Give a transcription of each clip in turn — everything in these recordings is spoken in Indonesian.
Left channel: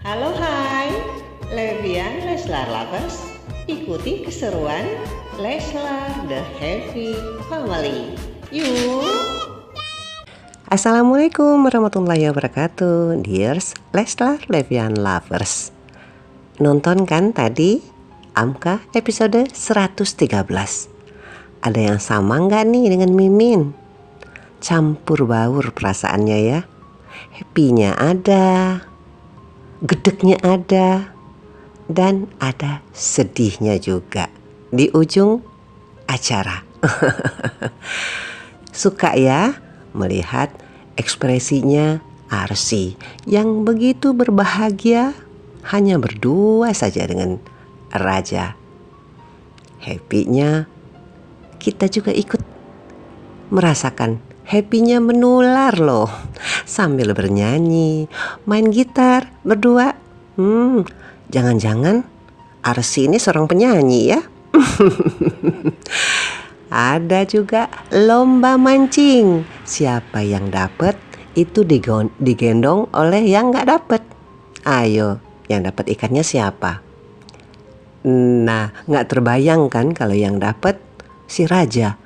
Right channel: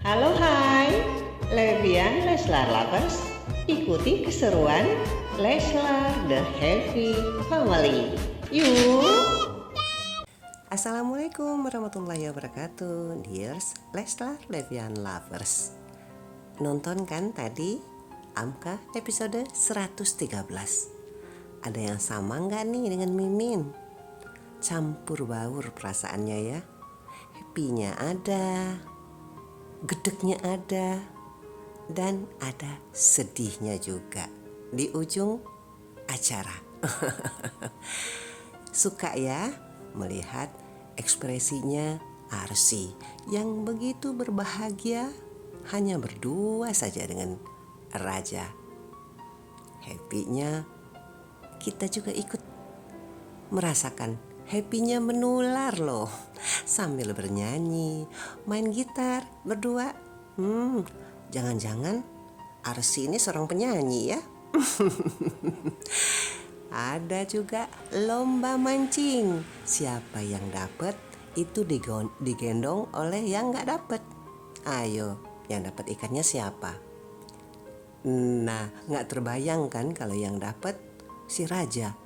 Halo hai, Levian Leslar Lovers, ikuti keseruan Leslar The Happy Family. Yuk! Assalamualaikum warahmatullahi wabarakatuh, dears Leslar Levian Lovers. Nonton kan tadi Amka episode 113? Ada yang sama nggak nih dengan Mimin? Campur baur perasaannya ya. Happy-nya ada, gedeknya ada, dan ada sedihnya juga di ujung acara. Suka ya melihat ekspresinya Arsy yang begitu berbahagia hanya berdua saja dengan Raja. Happy-nya kita juga ikut merasakan, happy-nya menular loh. Sambil bernyanyi, main gitar berdua. Jangan-jangan Arsy ini seorang penyanyi ya. Ada juga lomba mancing. Siapa yang dapat itu digendong oleh yang nggak dapat. Ayo, yang dapat ikannya siapa? Nah, nggak terbayang kan kalau yang dapat si Raja.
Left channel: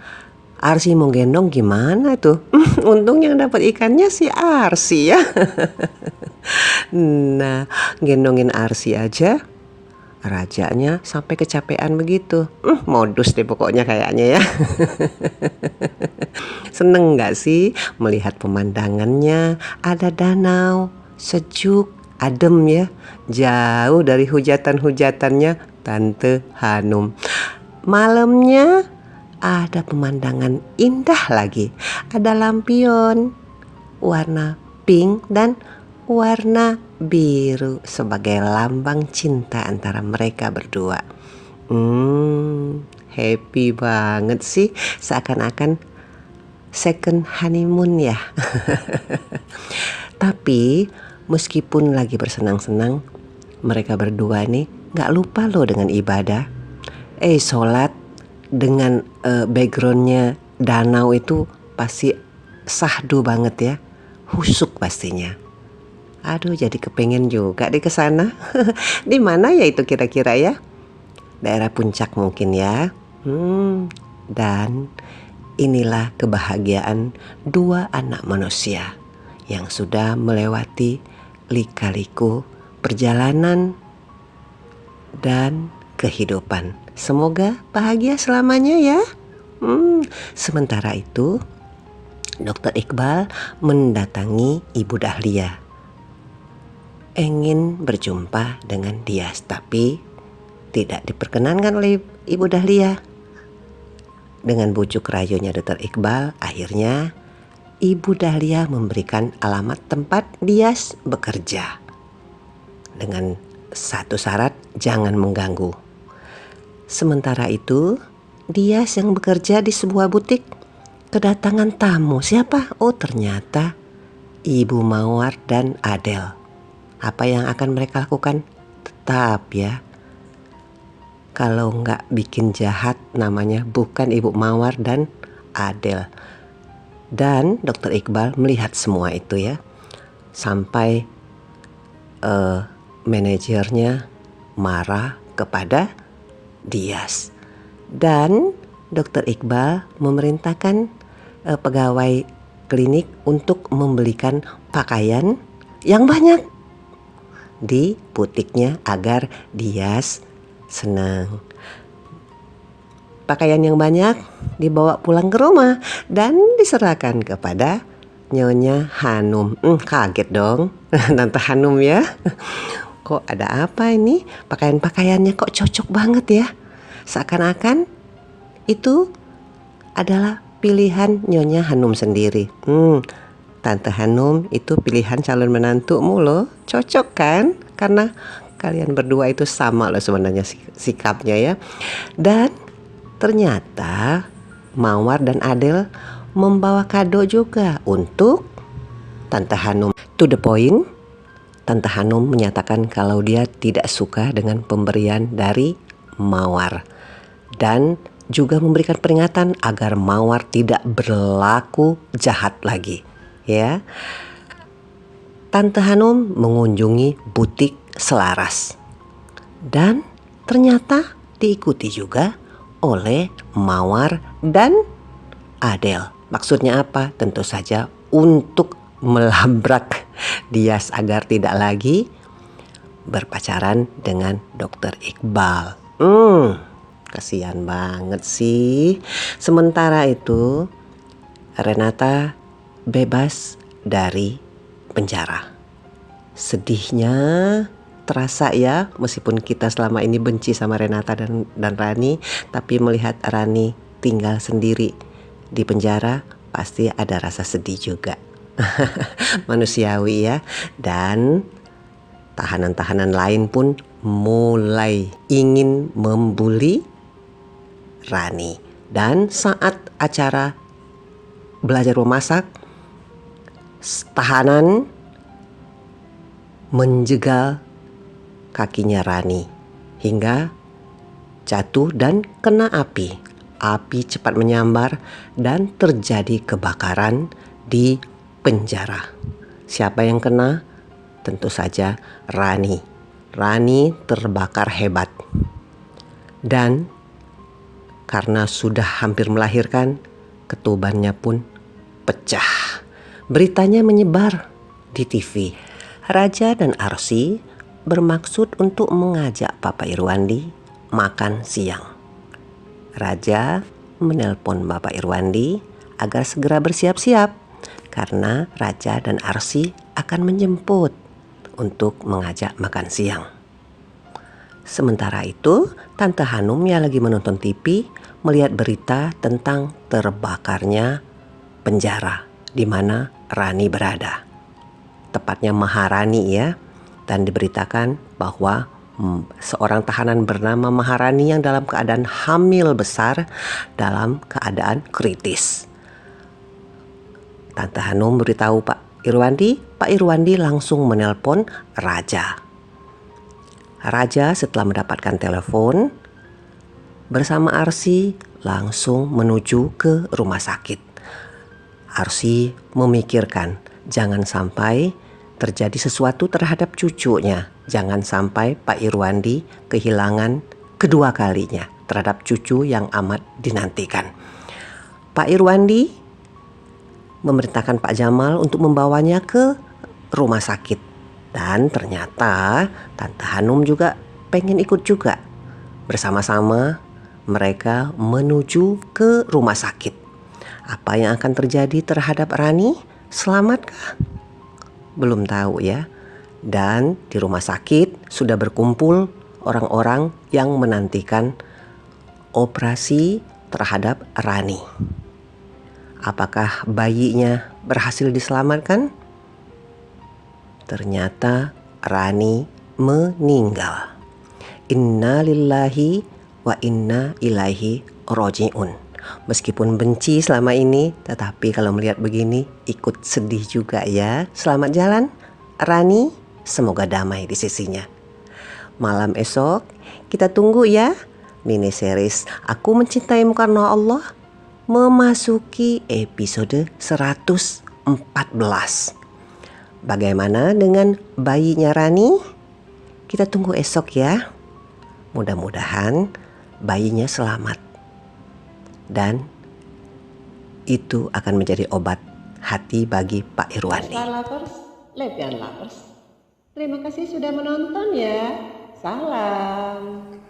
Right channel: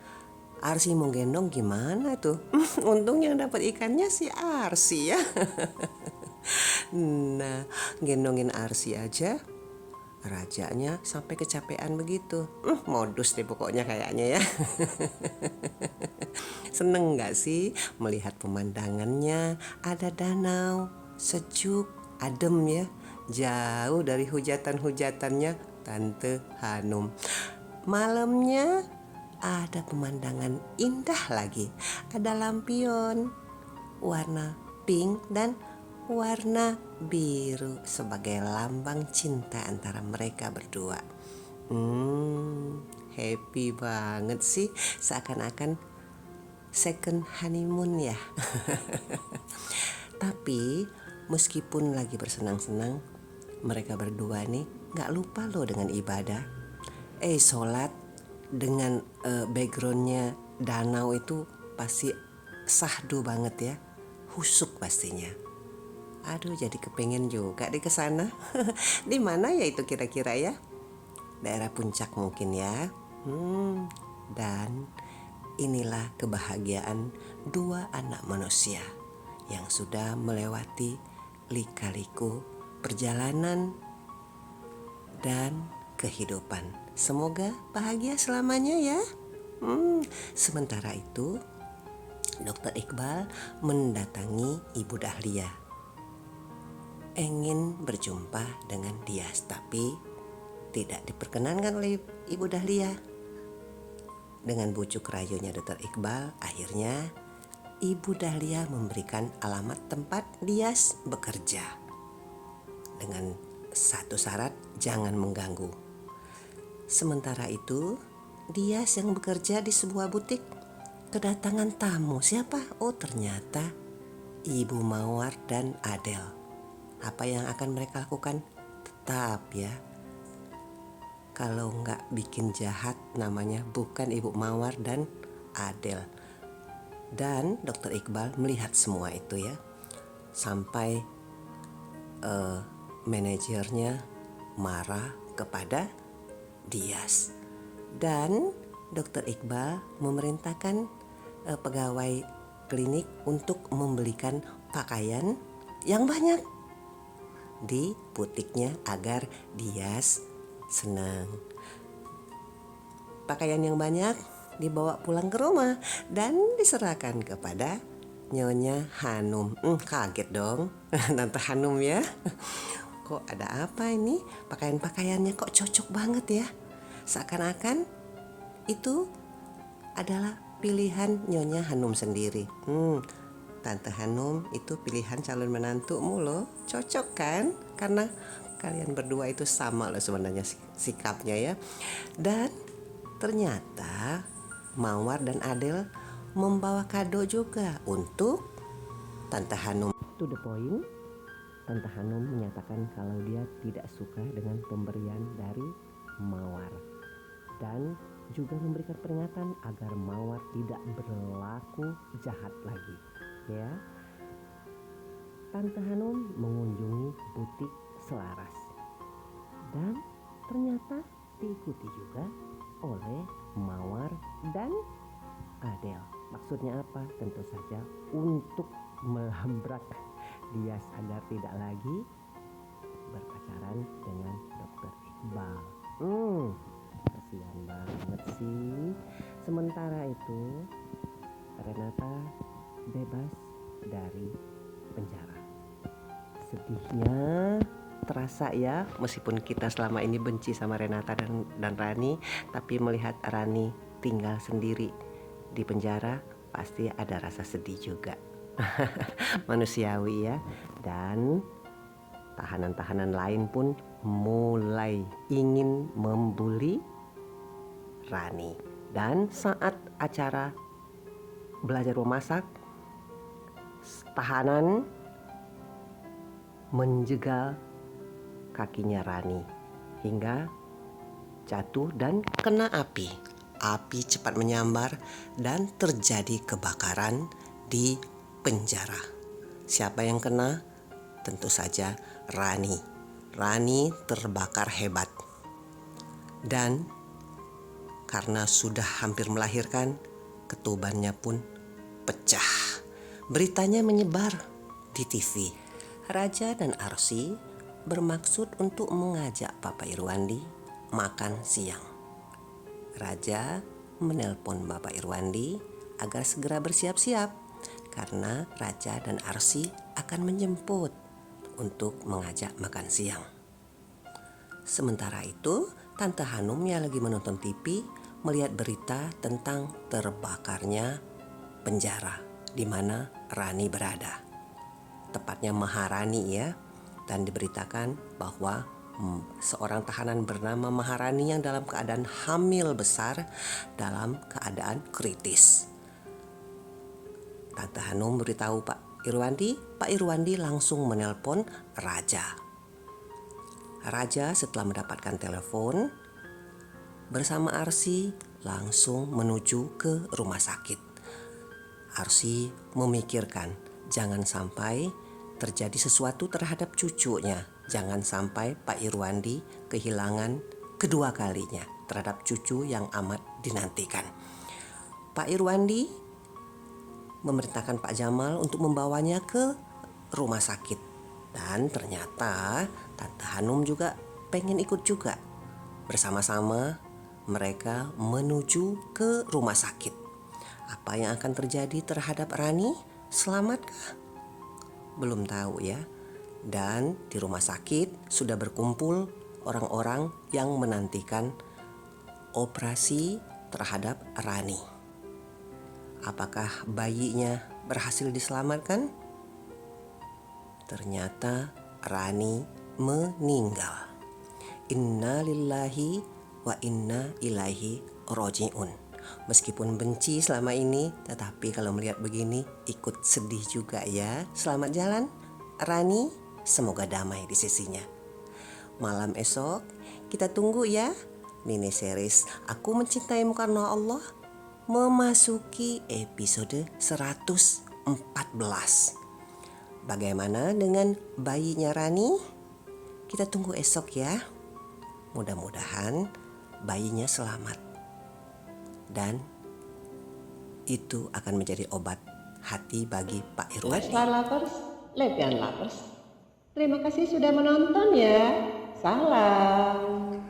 Arsy mau gendong gimana tuh? Untung yang dapat ikannya si Arsy ya. Nah, gendongin Arsy aja Rajanya sampai kecapean begitu. Modus deh pokoknya kayaknya ya. Seneng gak sih melihat pemandangannya? Ada danau, sejuk, adem ya. Jauh dari hujatan-hujatannya Tante Hanum. Malamnya ada pemandangan indah lagi. Ada lampion warna pink dan warna biru sebagai lambang cinta antara mereka berdua. Happy banget sih, seakan-akan second honeymoon ya. Tapi meskipun lagi bersenang-senang, mereka berdua nih gak lupa loh dengan ibadah. Sholat dengan backgroundnya danau itu pasti sahdu banget ya, husuk pastinya. Aduh, jadi kepengen juga di kesana. Di mana ya itu kira-kira ya? Daerah puncak mungkin ya. Dan inilah kebahagiaan dua anak manusia yang sudah melewati lika-liku perjalanan dan kehidupan. Semoga bahagia selamanya ya. Sementara itu, Dr. Iqbal mendatangi Ibu Dahlia. Ingin berjumpa dengan Dias, tapi tidak diperkenankan oleh Ibu Dahlia. Dengan bujuk rayunya Dr. Iqbal, akhirnya Ibu Dahlia memberikan alamat tempat Dias bekerja. Dengan satu syarat, jangan mengganggu. Sementara itu, Dias yang bekerja di sebuah butik kedatangan tamu. Siapa? Oh, ternyata Ibu Mawar dan Adel. Apa yang akan mereka lakukan? Tetap ya, kalau nggak bikin jahat namanya bukan Ibu Mawar dan Adel. Dan Dr. Iqbal melihat semua itu ya, sampai manajernya marah kepada Dias. Dan Dr. Iqbal memerintahkan pegawai klinik untuk membelikan pakaian yang banyak di butiknya agar Dias senang. Pakaian yang banyak dibawa pulang ke rumah dan diserahkan kepada Nyonya Hanum. Kaget dong Tante Hanum ya. Kok ada apa ini? Pakaian-pakaiannya kok cocok banget ya. Seakan-akan itu adalah pilihan Nyonya Hanum sendiri. Tante Hanum itu pilihan calon menantumu loh. Cocok kan? Karena kalian berdua itu sama loh sebenarnya sikapnya ya. Dan ternyata Mawar dan Adel membawa kado juga untuk Tante Hanum. To the point, Tante Hanum menyatakan kalau dia tidak suka dengan pemberian dari Mawar. Dan juga memberikan peringatan agar Mawar tidak berlaku jahat lagi. Ya, Tante Hanum mengunjungi butik selaras. Dan ternyata diikuti juga oleh Mawar dan Adele. Maksudnya apa? Tentu saja untuk melabrak Dias agar tidak lagi berpacaran dengan Dokter Iqbal. Kasihan banget sih. Sementara itu Renata bebas dari penjara. Sedihnya terasa ya, meskipun kita selama ini benci sama Renata dan Rani, tapi melihat Rani tinggal sendiri di penjara pasti ada rasa sedih juga. Manusiawi ya. Dan tahanan-tahanan lain pun mulai ingin membuli Rani. Dan saat acara belajar memasak, tahanan menjegal kakinya Rani hingga jatuh dan kena api. Api cepat menyambar dan terjadi kebakaran di penjara. Siapa yang kena? Tentu saja Rani. Rani terbakar hebat. Dan karena sudah hampir melahirkan, ketubannya pun pecah. Beritanya menyebar di TV. Raja dan Arsy bermaksud untuk mengajak Bapak Irwandi makan siang. Raja menelpon Bapak Irwandi agar segera bersiap-siap karena Raja dan Arsy akan menjemput untuk mengajak makan siang. Sementara itu, Tante Hanum yang lagi menonton TV melihat berita tentang terbakarnya penjara di mana Rani berada. Tepatnya Maharani ya. Dan diberitakan bahwa seorang tahanan bernama Maharani yang dalam keadaan hamil besar dalam keadaan kritis. Tante Hanum beritahu Pak Irwandi. Pak Irwandi langsung menelpon Raja. Raja setelah mendapatkan telepon bersama Arsy langsung menuju ke rumah sakit. Arsy memikirkan jangan sampai terjadi sesuatu terhadap cucunya. Jangan sampai Pak Irwandi kehilangan kedua kalinya terhadap cucu yang amat dinantikan. Pak Irwandi memerintahkan Pak Jamal untuk membawanya ke rumah sakit. Dan ternyata Tante Hanum juga pengen ikut juga. Bersama-sama mereka menuju ke rumah sakit. Apa yang akan terjadi terhadap Rani? Selamatkah? Belum tahu ya. Dan di rumah sakit sudah berkumpul orang-orang yang menantikan operasi terhadap Rani. Apakah bayinya berhasil diselamatkan? Ternyata Rani meninggal. Inna lillahi wa inna ilaihi roji'un. Meskipun benci selama ini, tetapi kalau melihat begini ikut sedih juga ya. Selamat jalan Rani, semoga damai di sisinya. Malam esok kita tunggu ya mini series Aku Mencintaimu Karena Allah memasuki episode 114. Bagaimana dengan bayinya Rani? Kita tunggu esok ya. Mudah-mudahan bayinya selamat. Dan itu akan menjadi obat hati bagi Pak Irwandi. Leslar Lovers, Levian Lovers, terima kasih sudah menonton ya. Salam.